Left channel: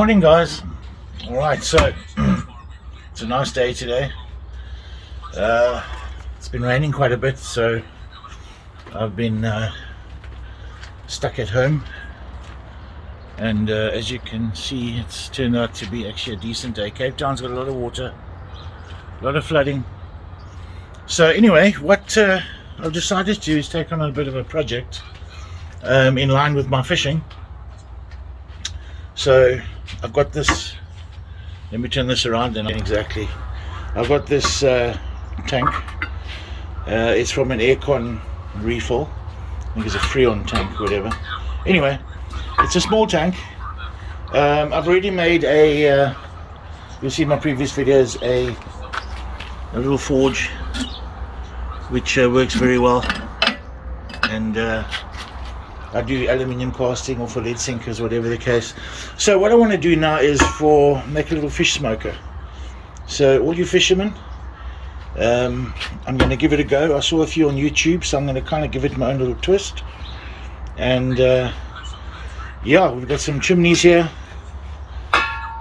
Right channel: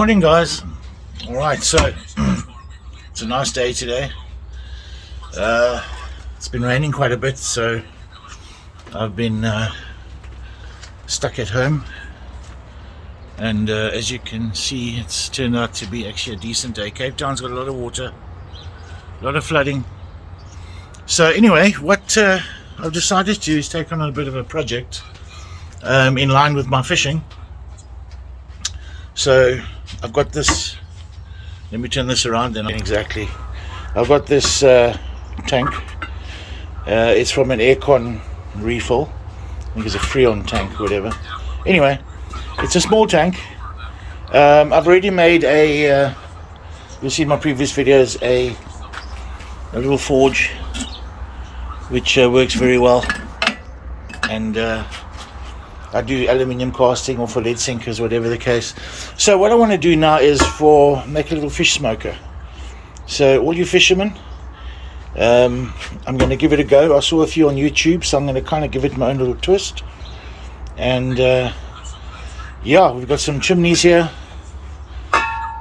Morning, guys. All right, so it's a nice day today. It's been raining quite a bit, so I've been stuck at home, and as you can see, it's turned out to be actually a decent day. Cape Town's got a lot of water, a lot of flooding. So anyway, what I've decided to do is take on a bit of a project in line with my fishing. So I've got this, let me turn this around and exactly. I've got this tank. It's from an aircon refill. I think it's a Freon tank or whatever. Anyway, it's a small tank. I've already made a, you'll see in my previous videos, a little forge which works very well. And I do aluminium casting or for lead sinkers, whatever the case. So what I want to do now is make a little fish smoker. So all you fishermen, I'm going to give it a go. I saw a few on YouTube, so I'm going to kind of give it my own little twist. And yeah, we've got some chimneys here,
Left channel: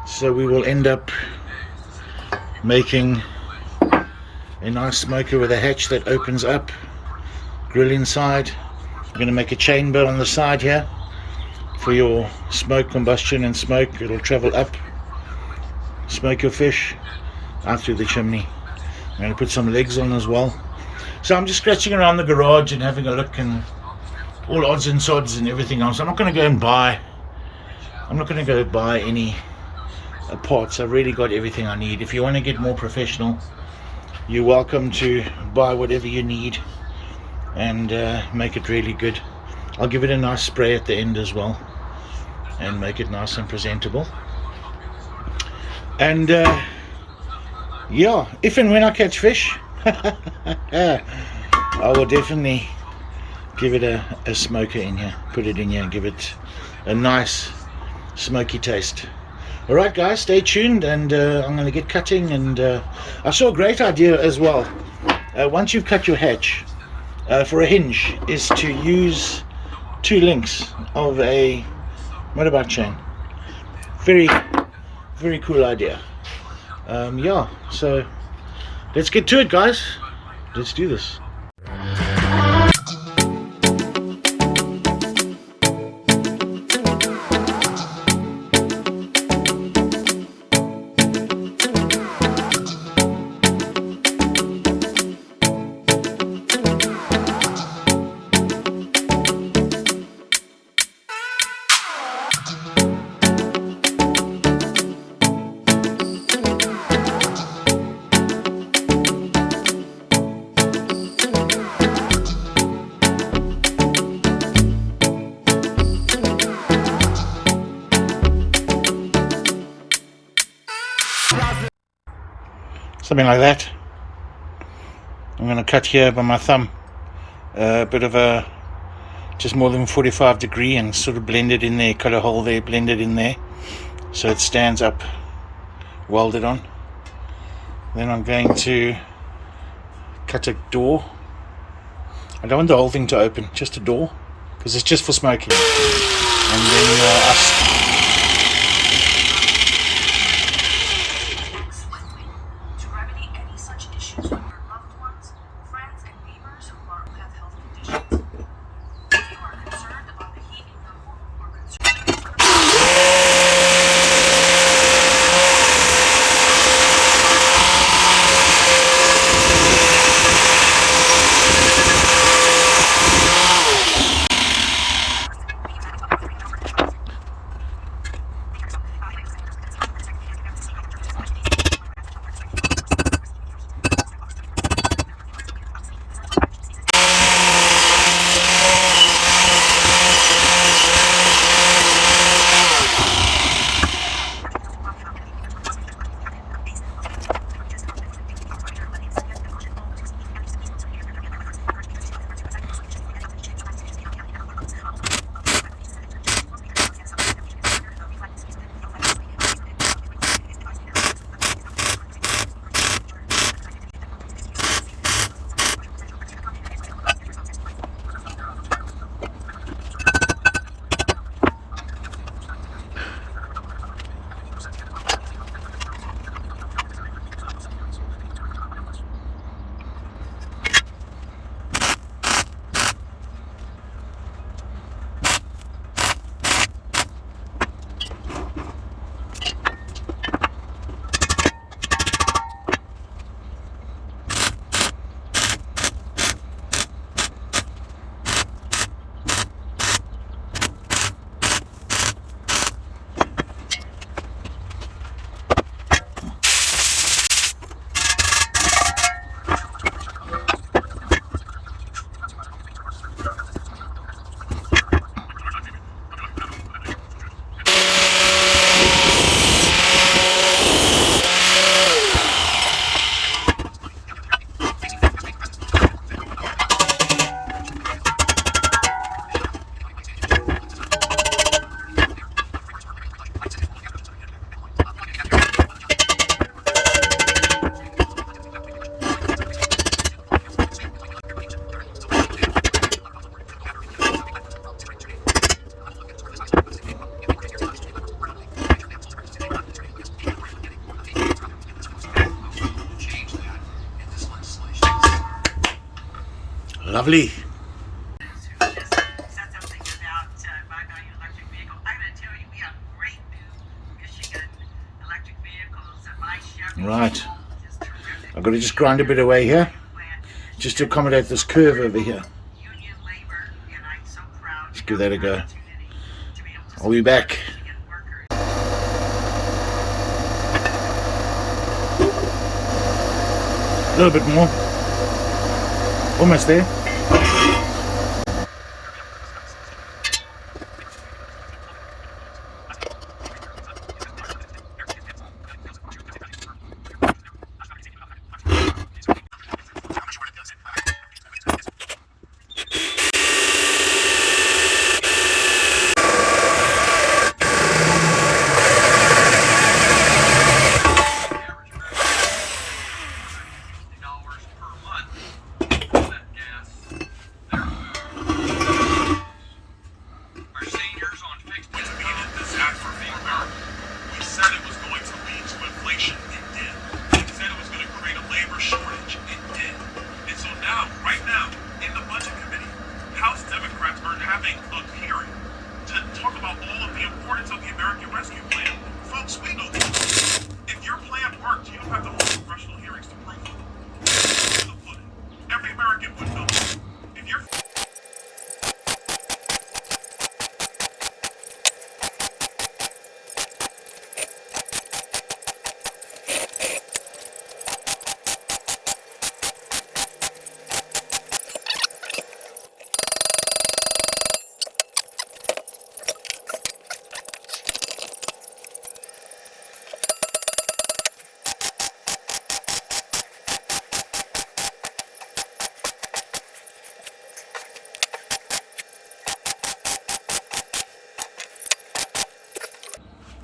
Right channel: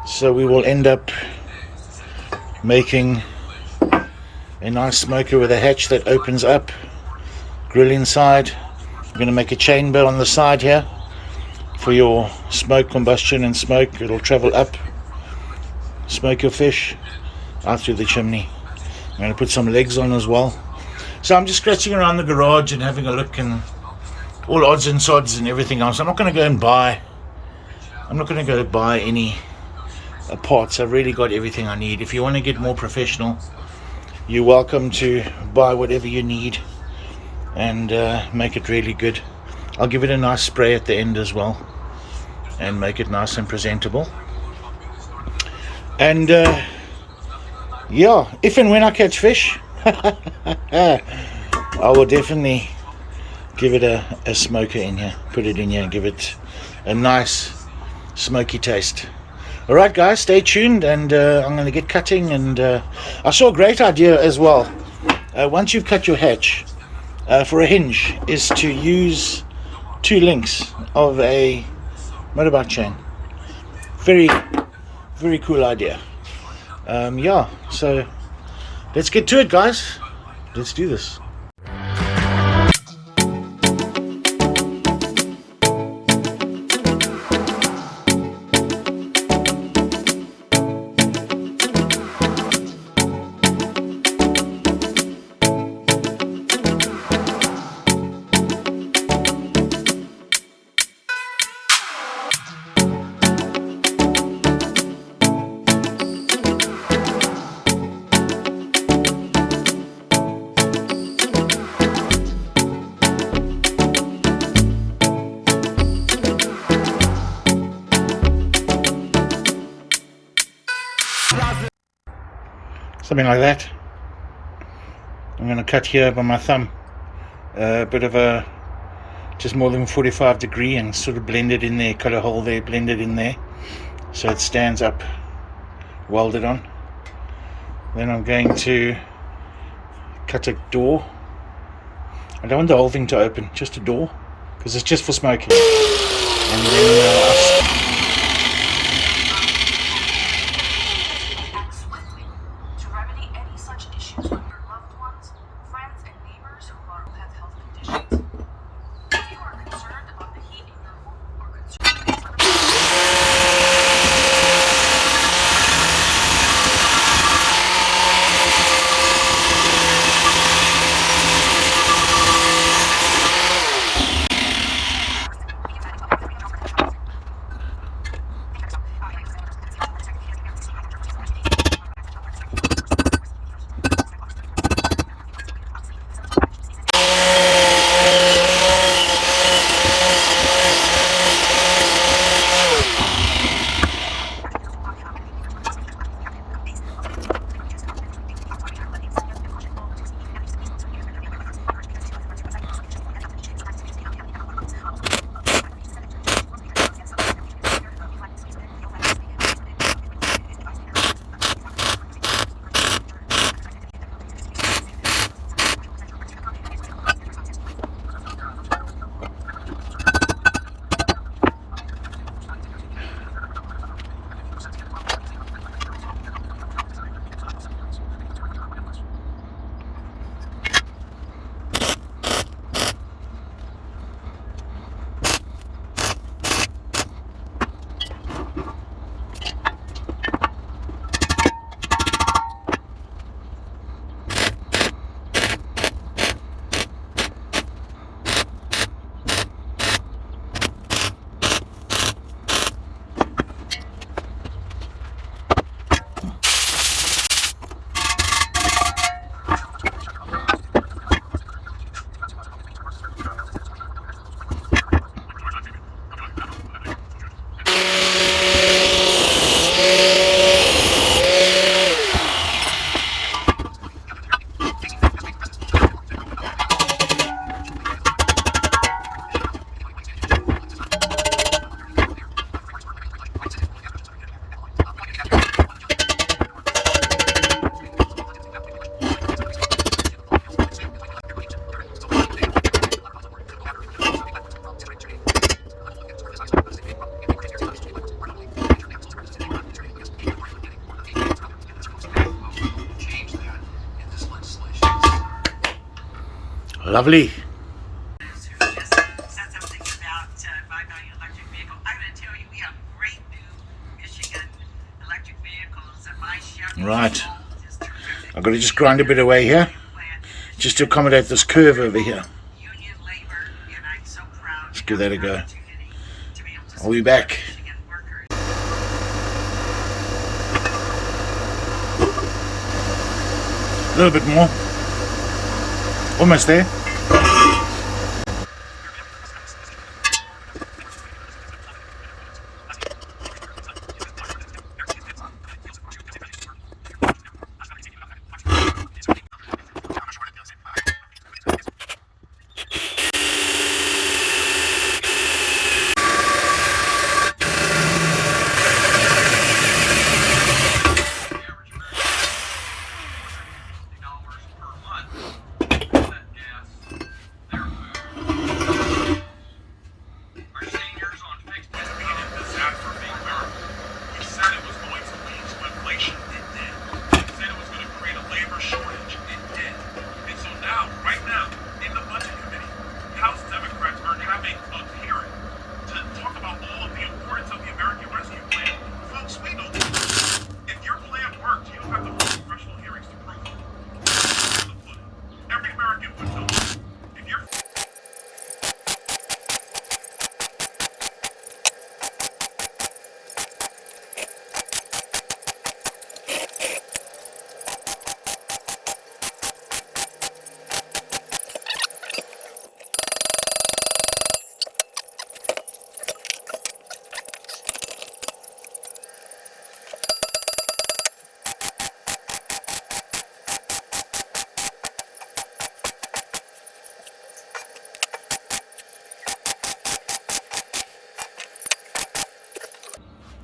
so we will end up making a nice smoker with a hatch that opens up, grill inside. I'm going to make a chamber on the side here for your smoke, combustion and smoke. It'll travel up, smoke your fish out through the chimney. I'm going to put some legs on as well. So I'm just scratching around the garage and having a look and all odds and sods and everything else. I'm not going to go buy any parts. I've really got everything I need. If you want to get more professional, you're welcome to buy whatever you need and make it really good. I'll give it a nice spray at the end as well and make it nice and presentable. And yeah, if and when I catch fish, I will definitely give it a smoker in here, put it in here and give it a nice smoky taste. Alright guys, stay tuned, and I'm going to get cutting. And I saw a great idea as well. Once you've cut your hatch, for a hinge, is to use 2 links of a motorbike chain. Very, very cool idea. Yeah, so let's get to it, guys. Let's do this. Something like that. I'm going to cut here by my thumb a bit of a just more than 45 degree and sort of blend it in there, cut a hole there, blend it in there so it stands up welded on. Then I'm going to cut a door. I don't want the whole thing to open, just a door, because it's just for smoking. And then Lovely. Right, I've got to just grind a bit away here just to accommodate this curve over here. Let's give that a go. I'll be back. A little bit more. Almost there.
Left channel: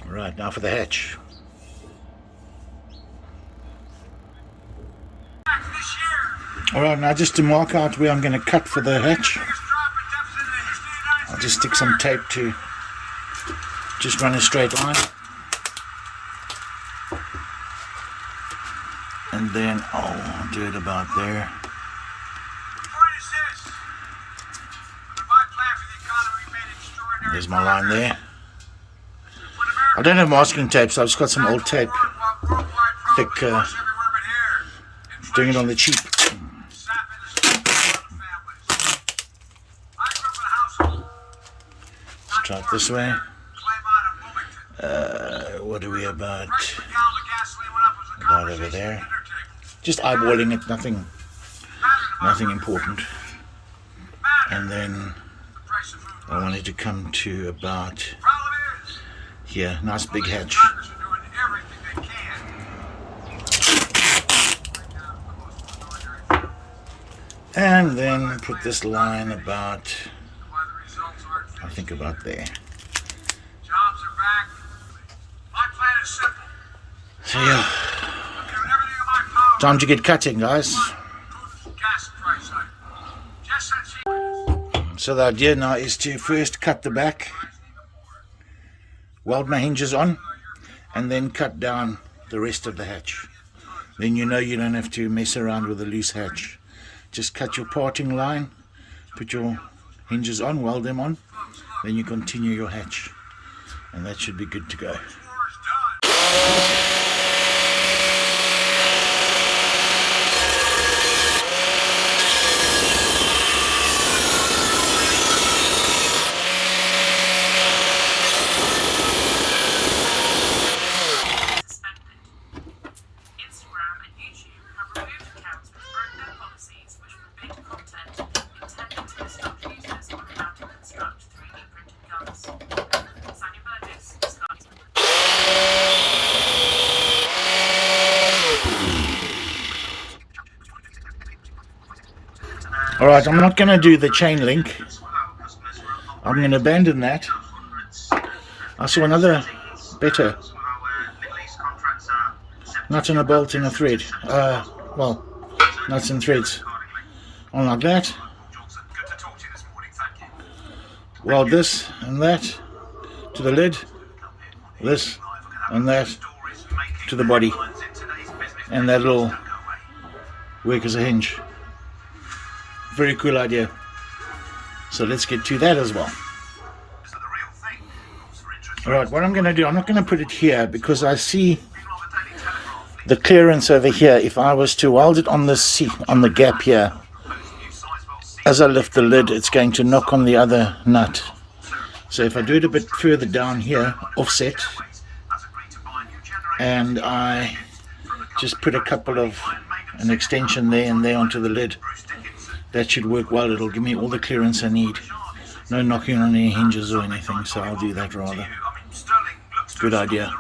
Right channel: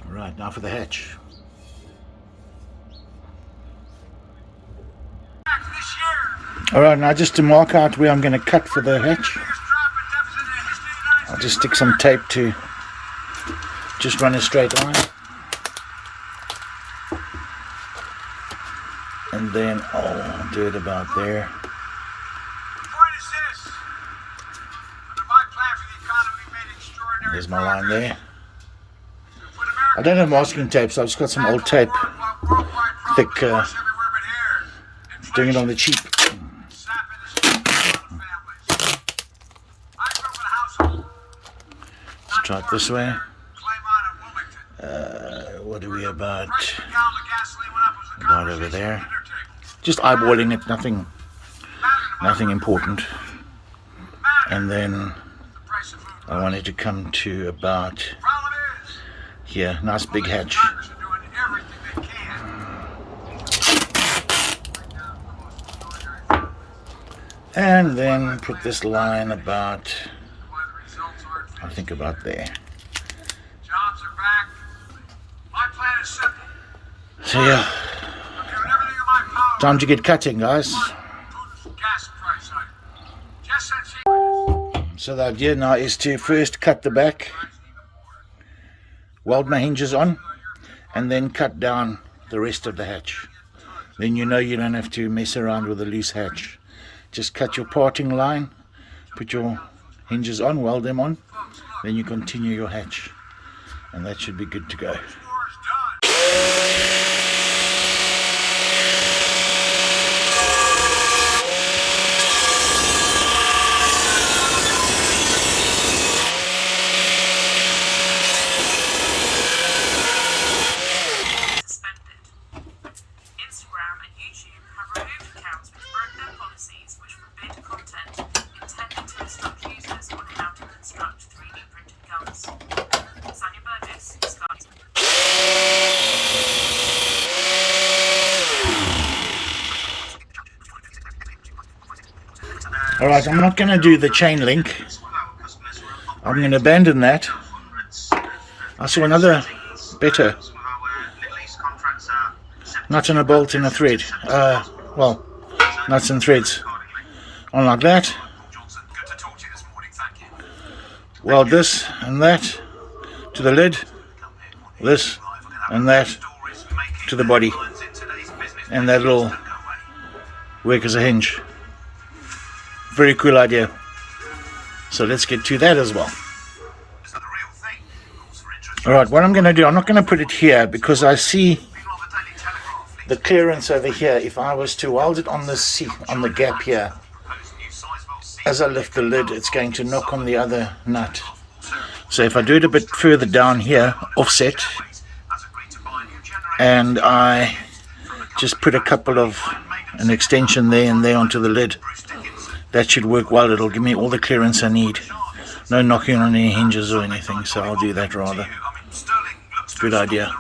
Right, now for the hatch. Alright, now just to mark out where I'm going to cut for the hatch, I'll just stick some tape to just run a straight line. And then I'll do it about there. There's my line there. I don't have masking tape, so I've just got some old tape, thick, doing it on the cheap. Let's try it this way. What are we about over there? Just eyeballing it, nothing important. And then I wanted to come to about here, nice big hatch. And then put this line about, I think about there. So yeah, time to get cutting, guys. So the idea now is to first cut the back, weld my hinges on, and then cut down the rest of the hatch. Then you know you don't have to mess around with a loose hatch. Just cut your parting line, put your hinges on, weld them on, then you continue your hatch, and that should be good to go. Alright, I'm not going to do the chain link. I'm going to abandon that. I saw another better nut and a bolt and a thread. Well, nuts and threads. On like that. Weld this and that to the lid. This and that to the body. And that'll work as a hinge. very cool idea. So let's get to that as well. Alright, what I'm going to do, I'm not going to put it here because I see the clearance over here. If I was to weld it on the seat, on the gap here, as I lift the lid, it's going to knock on the other nut. So if I do it a bit further down here, offset, and I just put a couple of an extension there and there onto the lid, that should work well. It'll give me all the clearance I need. No knocking on any hinges or anything, so I'll do that rather. Good idea.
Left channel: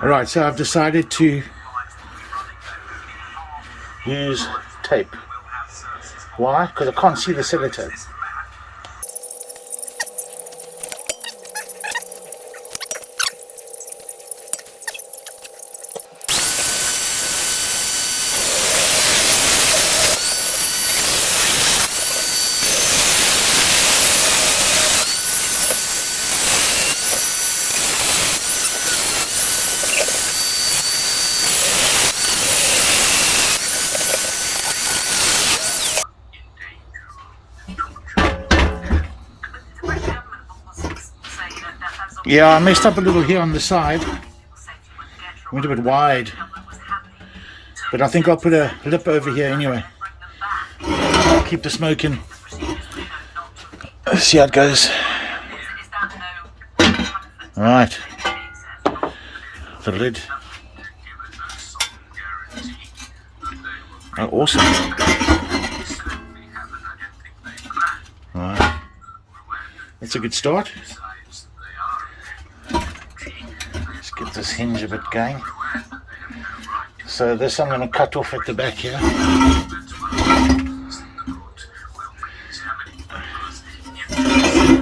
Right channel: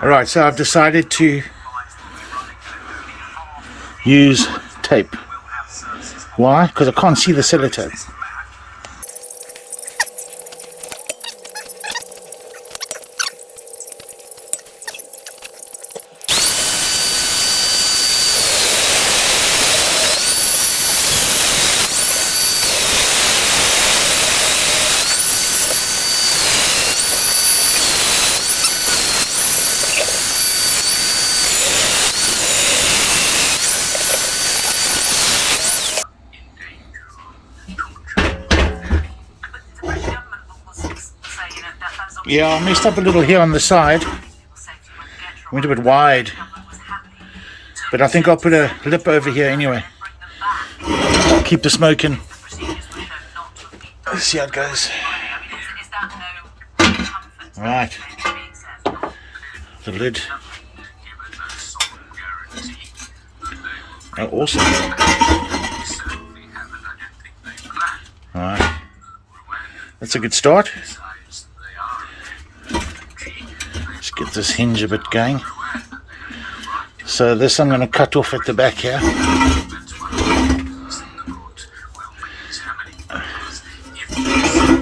Alright, so I've decided to use tape. Why? Because I can't see the sellotape. Yeah, I messed up a little here on the side. Went a bit wide. But I think I'll put a lip over here anyway. Keep the smoke in. Let's see how it goes. Alright. The lid. Oh, awesome. Alright. That's a good start. Get this hinge a bit going. So this I'm going to cut off at the back here.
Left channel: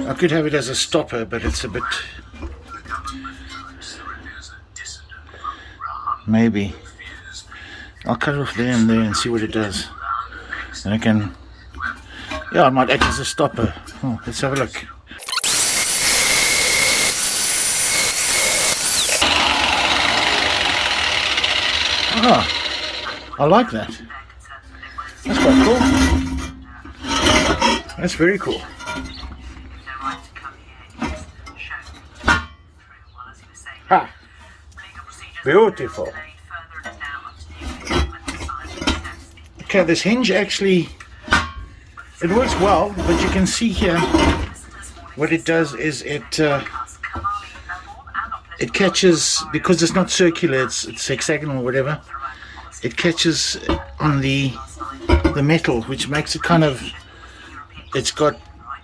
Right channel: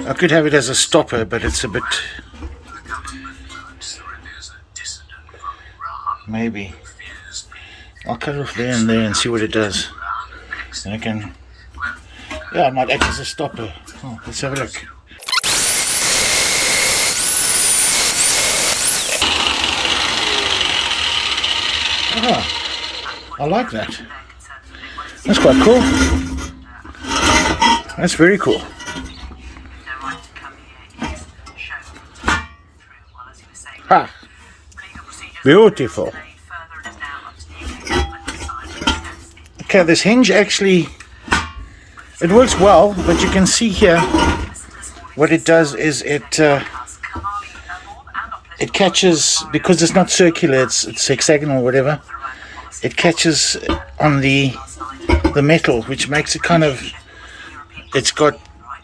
I could have it as a stopper, but it's a bit, maybe I'll cut it off there and there and see what it does, and I can, yeah, I might act as a stopper. Oh, let's have a look. Ah, I like that. That's quite cool. That's very cool. Ah, beautiful. Okay, this hinge actually, it works well, but you can see here what it does is it catches, because it's not circular, it's hexagonal or whatever, it catches on the metal, which makes it kind of, it's got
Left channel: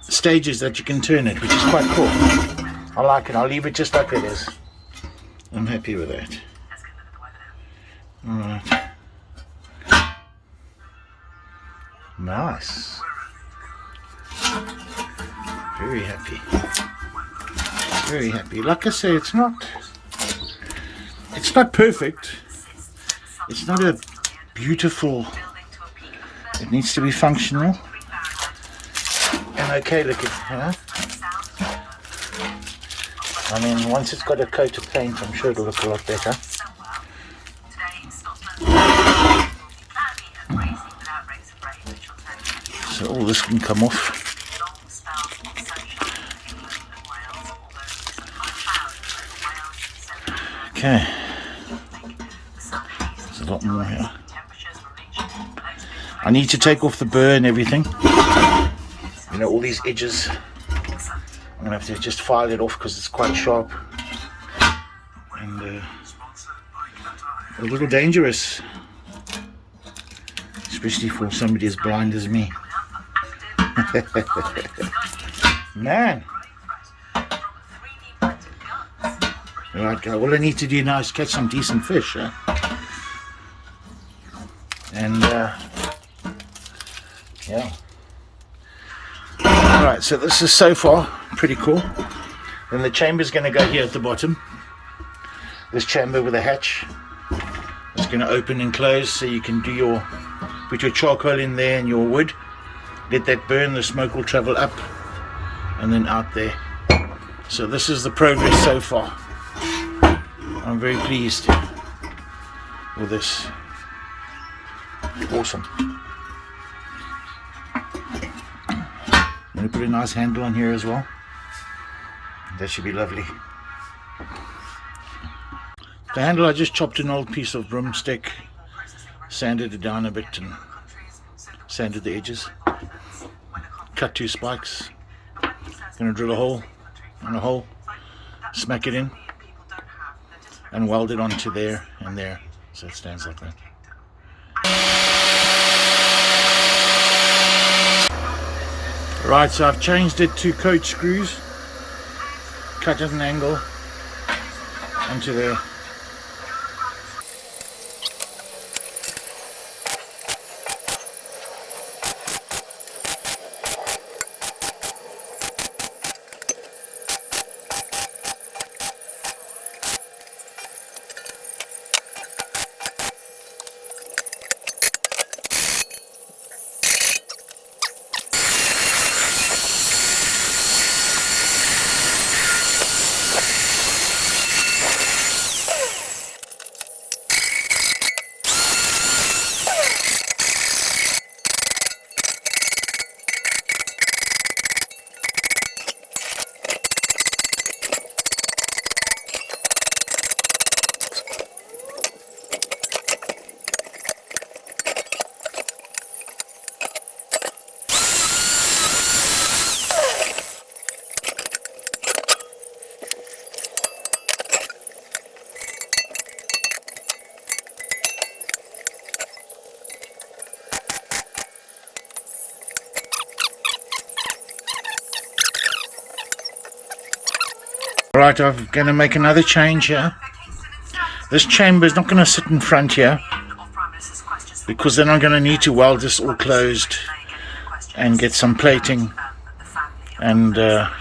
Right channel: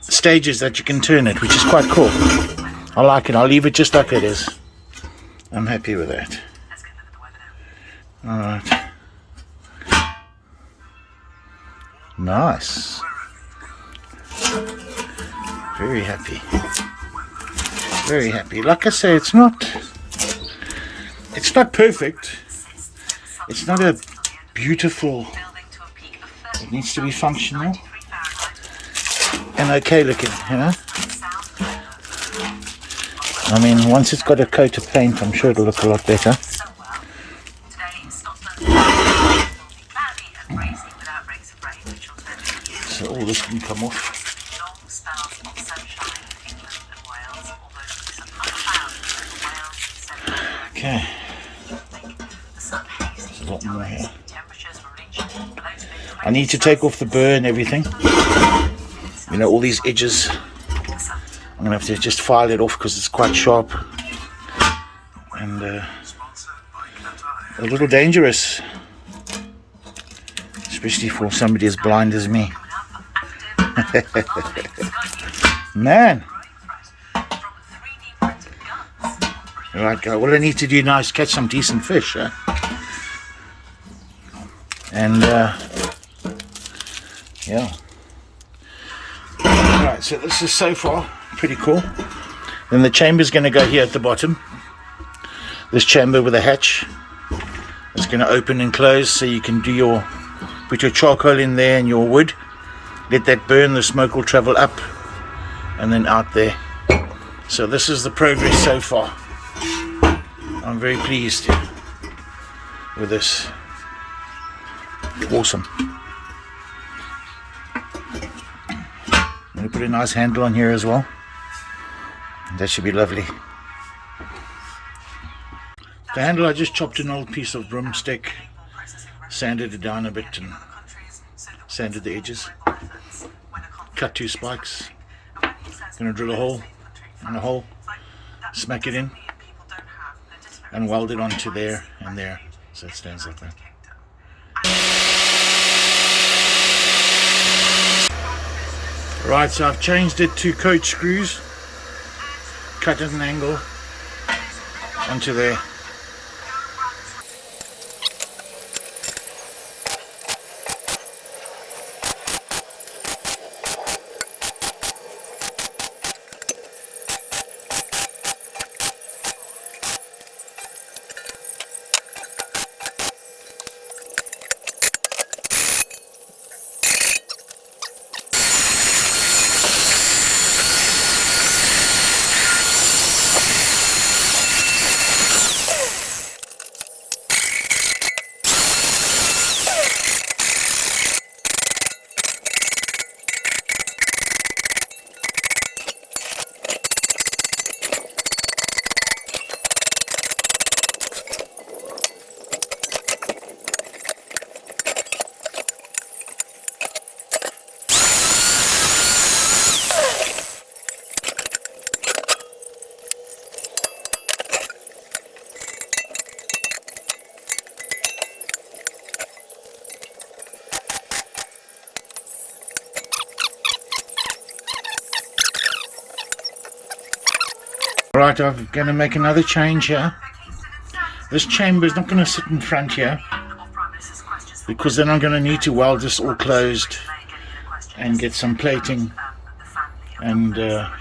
stages that you can turn it, which is quite cool. I like it. I'll leave it just like it is. I'm happy with that. Alright. Nice. Very happy. Very happy. Like I say, it's not perfect. It's not a beautiful. It needs to be functional and okay looking, you know. I mean, once it's got a coat of paint, I'm sure it'll look a lot better. So all this can come off. Okay. There's a lot more here. I need to take off the burr and everything. You know, all these edges. I'm going to have to just file it off because it's quite sharp. And a little dangerous. Especially for somebody as blind as me. Man. Alright, guys. What I need to do now is catch some decent fish. Huh? And, yeah. Alright, so this is so far pretty cool. Then the chamber's going to go here at the bottom. This chamber with a hatch. It's going to open and close so you can do your, put your charcoal in there and your wood. Let that burn, the smoke will travel up and then out there. So this is the progress so far. I'm very pleased with this. Awesome. I'm going to put a nice handle on here as well. That should be lovely. The handle, I just chopped an old piece of broomstick, sanded it down a bit and sanded the edges. Cut 2 spikes. Going to drill a hole and a hole, smack it in and weld it onto there and there so it stands like that. Right, so I've changed it to coach screws, cut at an angle onto there. Right, I'm going to make another change here. This chamber is not going to sit in front here because then I'm going to need to weld this all closed and get some plating, and I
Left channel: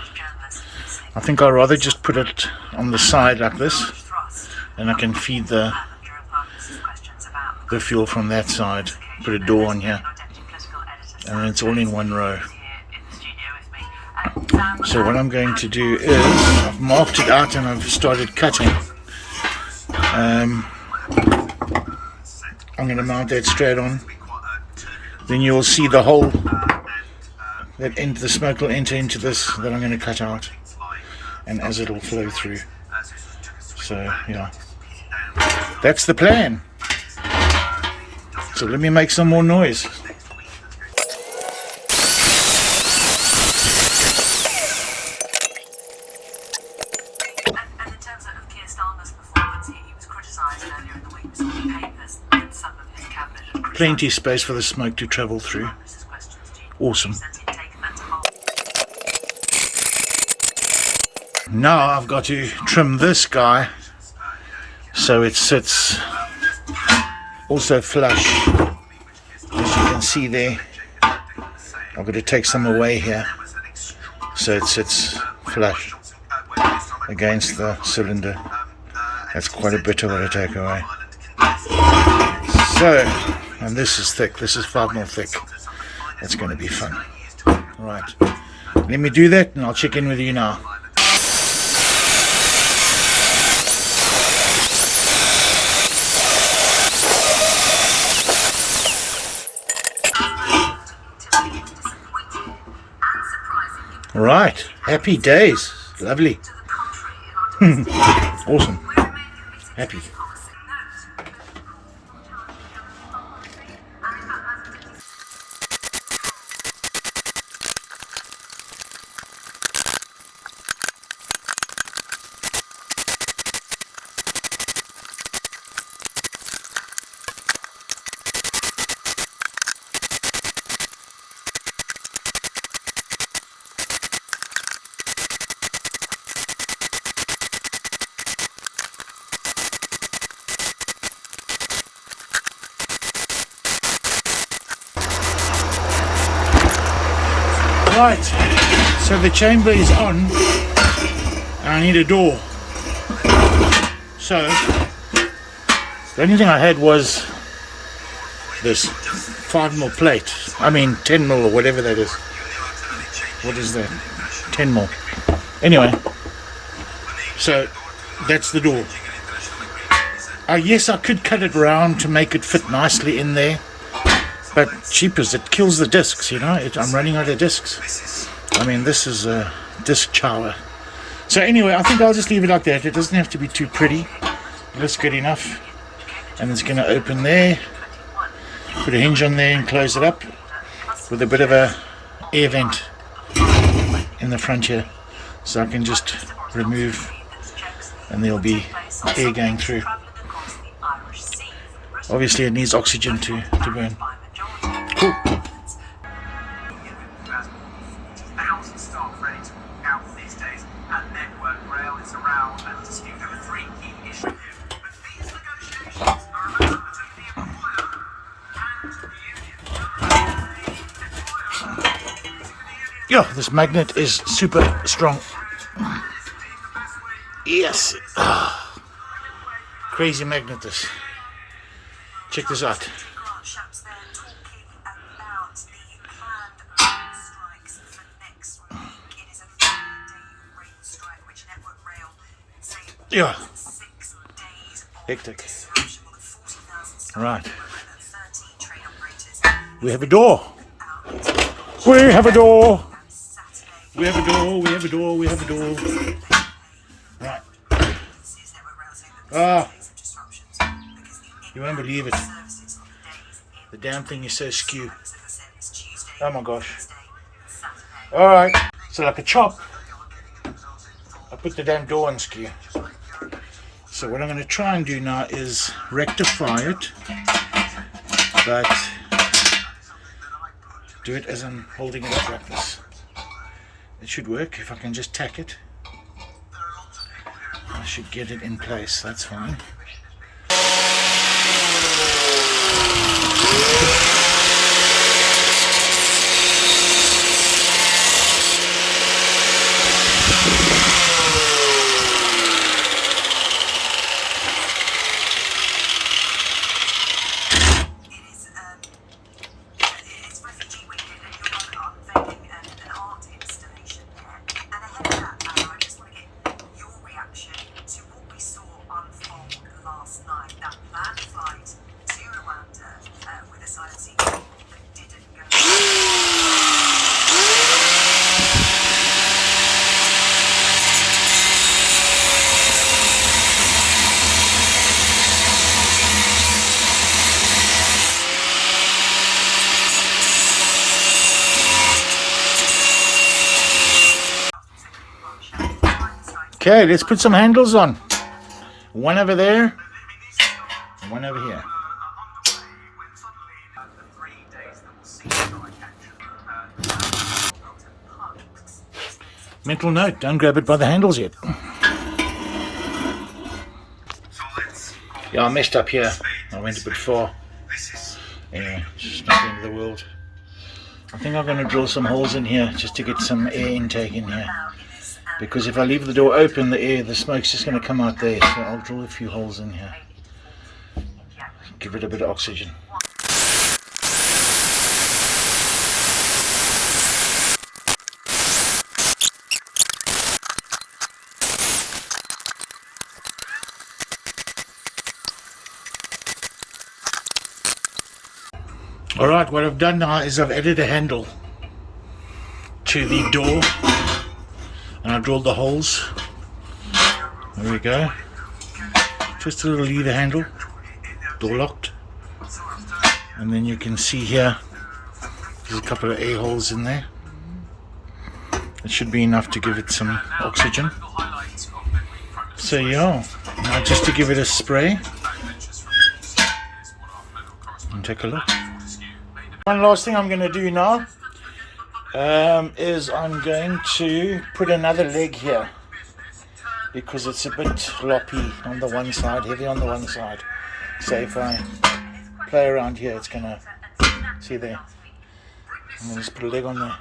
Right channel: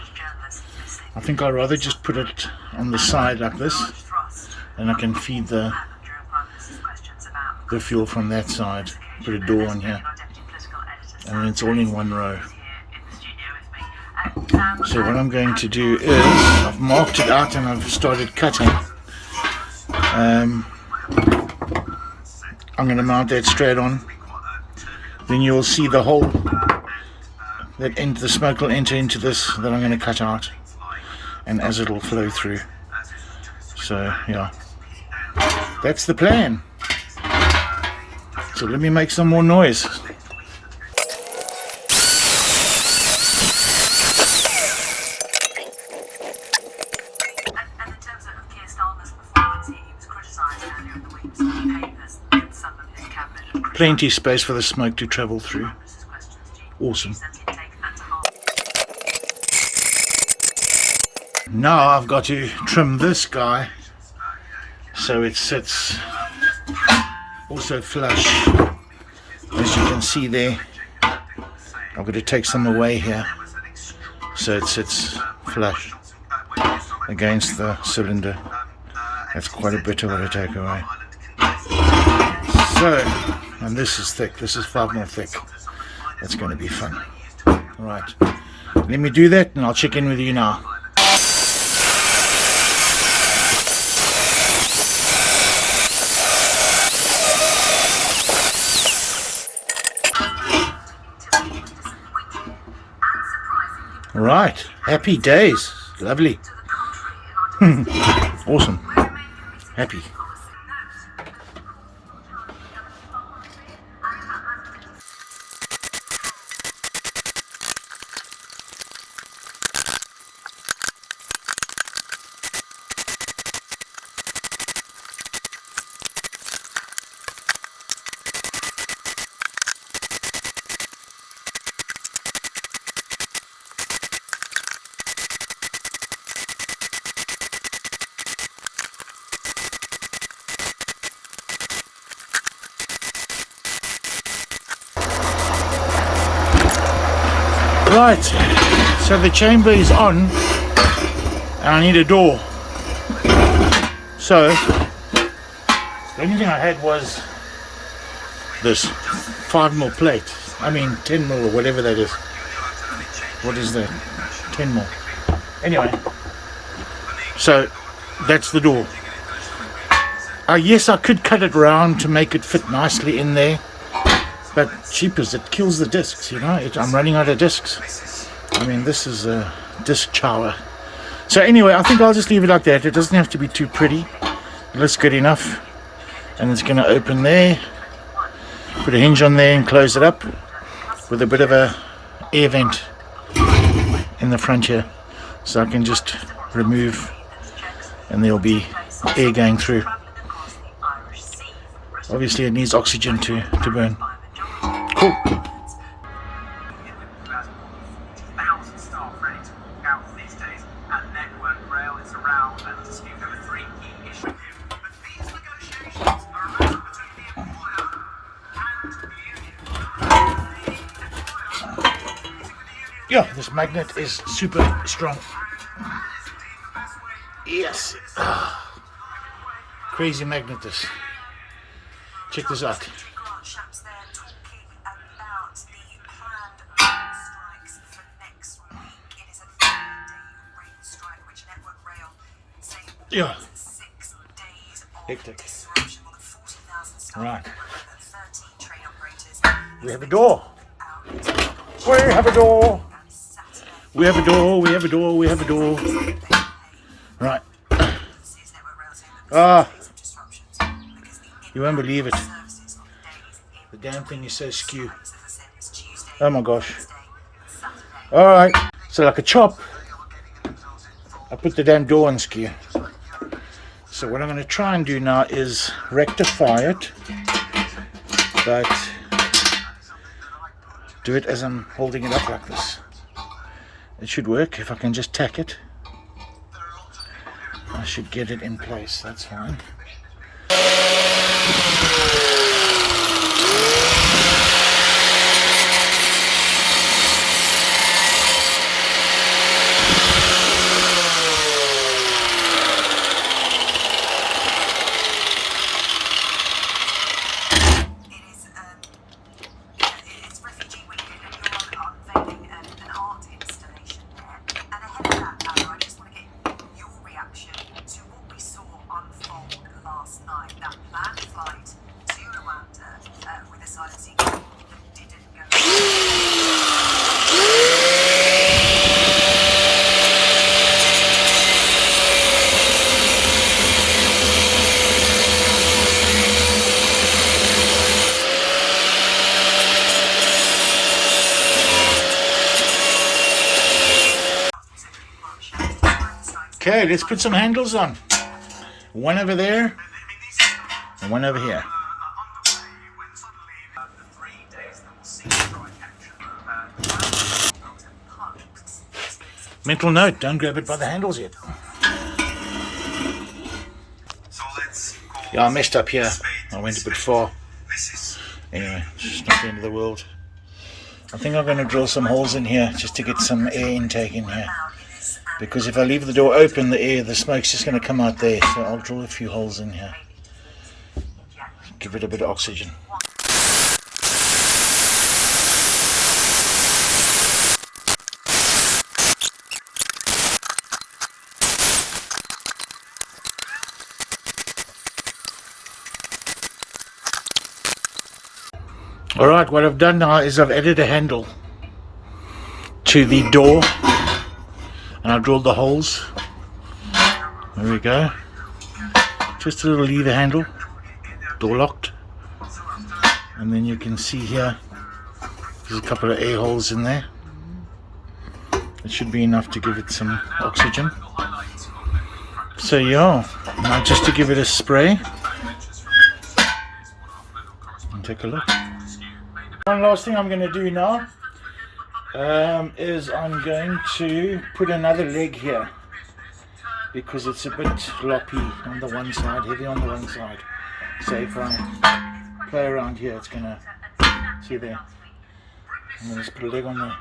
think I'd rather just put it on the side like this and I can feed the fuel from that side. Put a door on here and then it's all in one row. So what I'm going to do is, I've marked it out and I've started cutting. I'm going to mount that straight on. Then you'll see the hole that the smoke will enter into this that I'm going to cut out, and as it will flow through. So yeah, that's the plan. So let me make some more noise. Plenty of space for the smoke to travel through. Awesome. Now I've got to trim this guy so it sits also flush. As you can see there, I've got to take some away here so it sits flush against the cylinder. That's quite a bit of what I take away. So, and this is thick, this is 5mm thick. That's going to be fun. Right, let me do that and I'll check in with you now. Right, happy days, lovely. Awesome, happy. Right, so the chamber is on and I need a door. So the only thing I had was this 5mm plate, I mean 10mm or whatever that is. What is that? 10mm. Anyway, so that's the door. Yes, I could cut it round to make it fit nicely in there, but cheapers, it kills the discs, you know. I'm running out of discs. I mean, this is a disc chower. So anyway, I think I'll just leave it like that. It doesn't have to be too pretty. It looks good enough. And it's going to open there. Put a hinge on there and close it up with a bit of a air vent in the front here. So I can just remove and there'll be air going through. Obviously it needs oxygen to burn. Cool. Yeah, this magnet is super strong. Yes. Crazy magnet this. Check this out. Yeah. Hectic. Alright. We have a door. We have a door. We have a door. We have a door. We have a door. Right. Ah. You won't believe it. The damn thing is so skew. Oh my gosh. Alright. So like a chop, I put the damn door on skew. So what I'm going to try and do now is rectify it, but do it as I'm holding it up like this. It should work if I can just tack it. I should get it in place, that's fine. Okay, let's put some handles on. One over there, and one over here. Mental note, don't grab it by the handles yet. Yeah, I messed up here. I went a bit far. Anyway, it's not the end of the world. I think I'm going to drill some holes in here just to get some air intake in here. Because if I leave the door open, the smoke's just going to come out there. So I'll drill a few holes in here. Give it a bit of oxygen. Alright, what I've done now is I've added a handle to the door and I've drilled the holes. There we go. Just a little lever handle, door locked. And then you can see here, there's a couple of air holes in there. It should be enough to give it some oxygen. So yeah, now just to give it a spray. And take a look. One last thing I'm going to do now is I'm going to put another leg here because it's a bit loppy on the one side, heavy on the one side. So if I play around here, it's going to, see there, I'm going to just put a leg on there.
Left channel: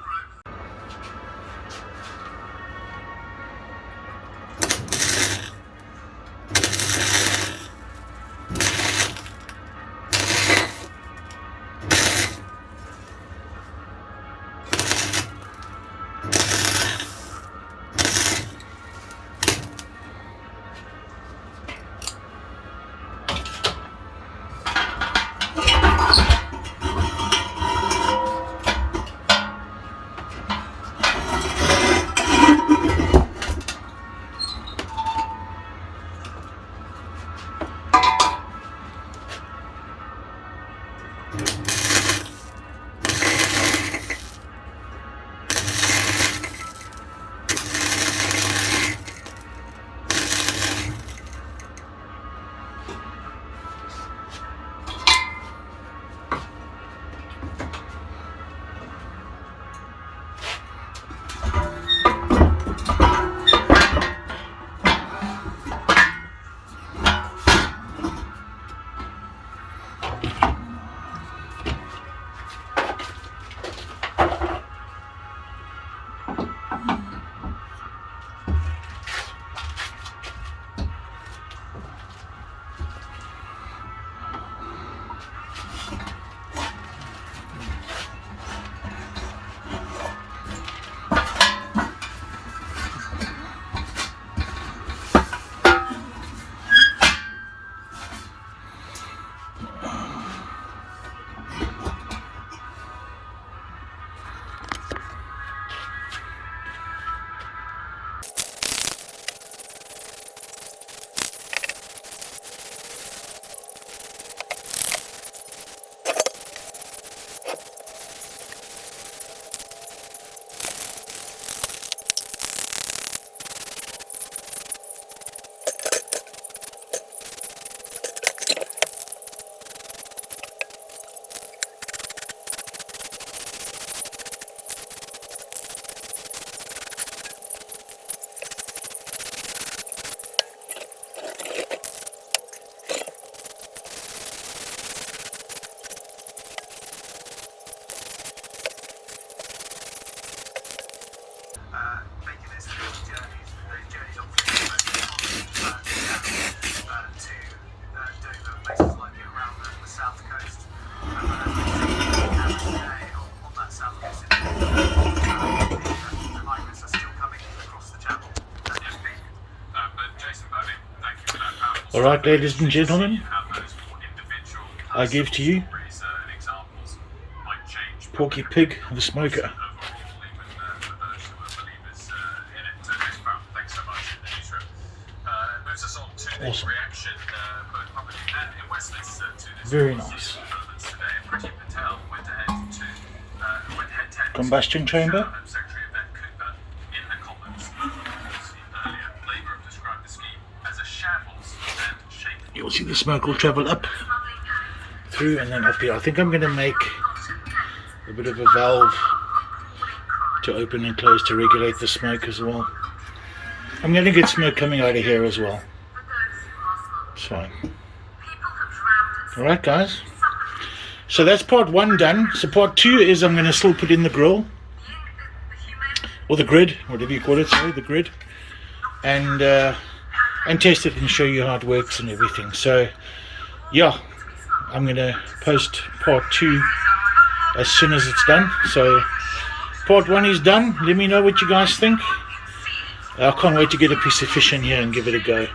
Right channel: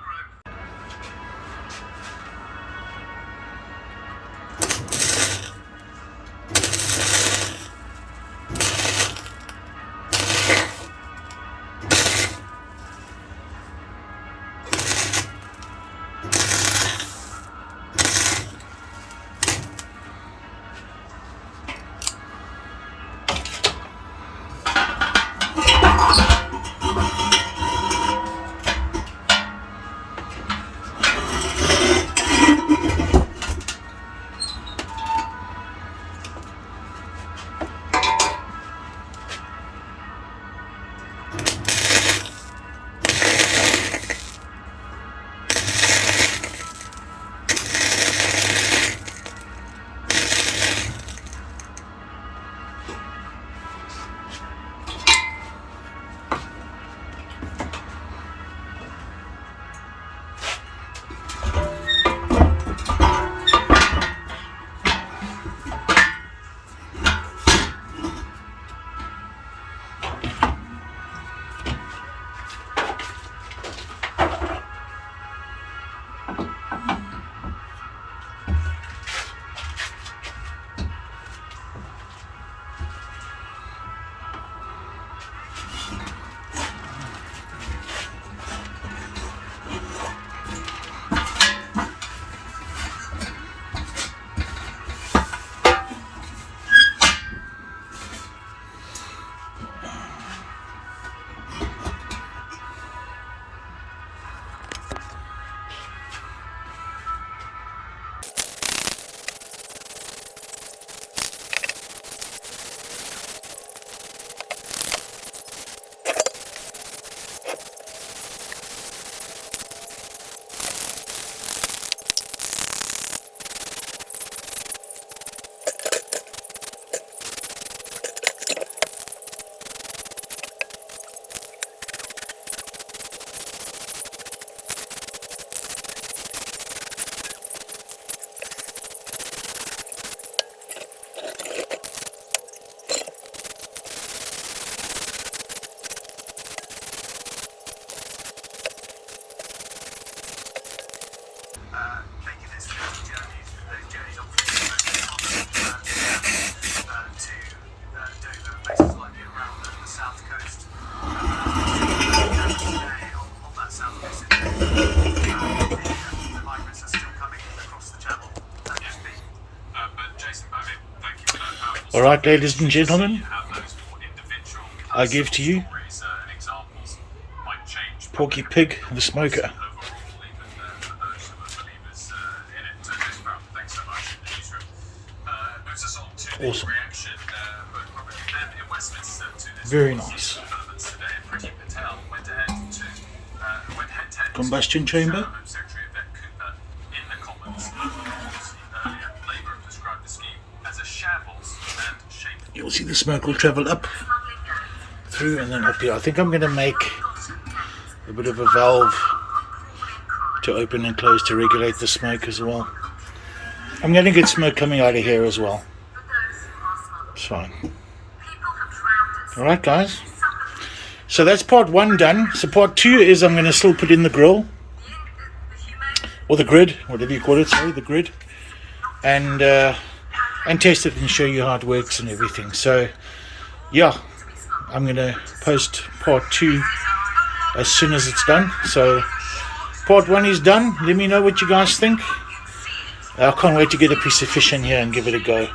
Alright, ladies and gentlemen, I give to you Porky Pig the Smoker. Awesome. Very nice. Combustion chamber. You'll see the smoke will travel up through and then up here. I think I'm going to make a bit of a valve to open and close to regulate the smoke as well. I'm going to get smoke coming out of here as well. It's fine. Alright guys, so that's part 1 done. So part 2 is I'm going to still put in the grill, or the grid, whatever you call it, sorry, the grid, and test it and show you how it works and everything. So yeah, I'm going to post part 2 as soon as it's done. So part 1 is done. Let me know what you guys think. I can't wait to get a piece of fish in here and give it a go.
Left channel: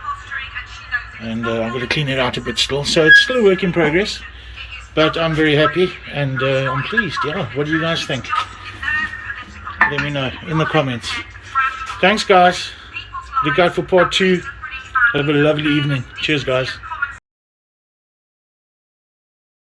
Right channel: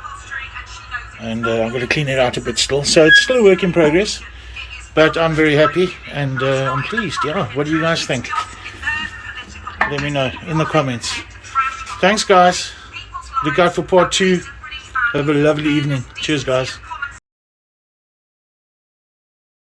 And I'm going to clean it out a bit still. So it's still a work in progress, but I'm very happy and I'm pleased. Yeah, what do you guys think? Let me know in the comments. Thanks guys. Look out for part 2. Have a lovely evening. Cheers guys.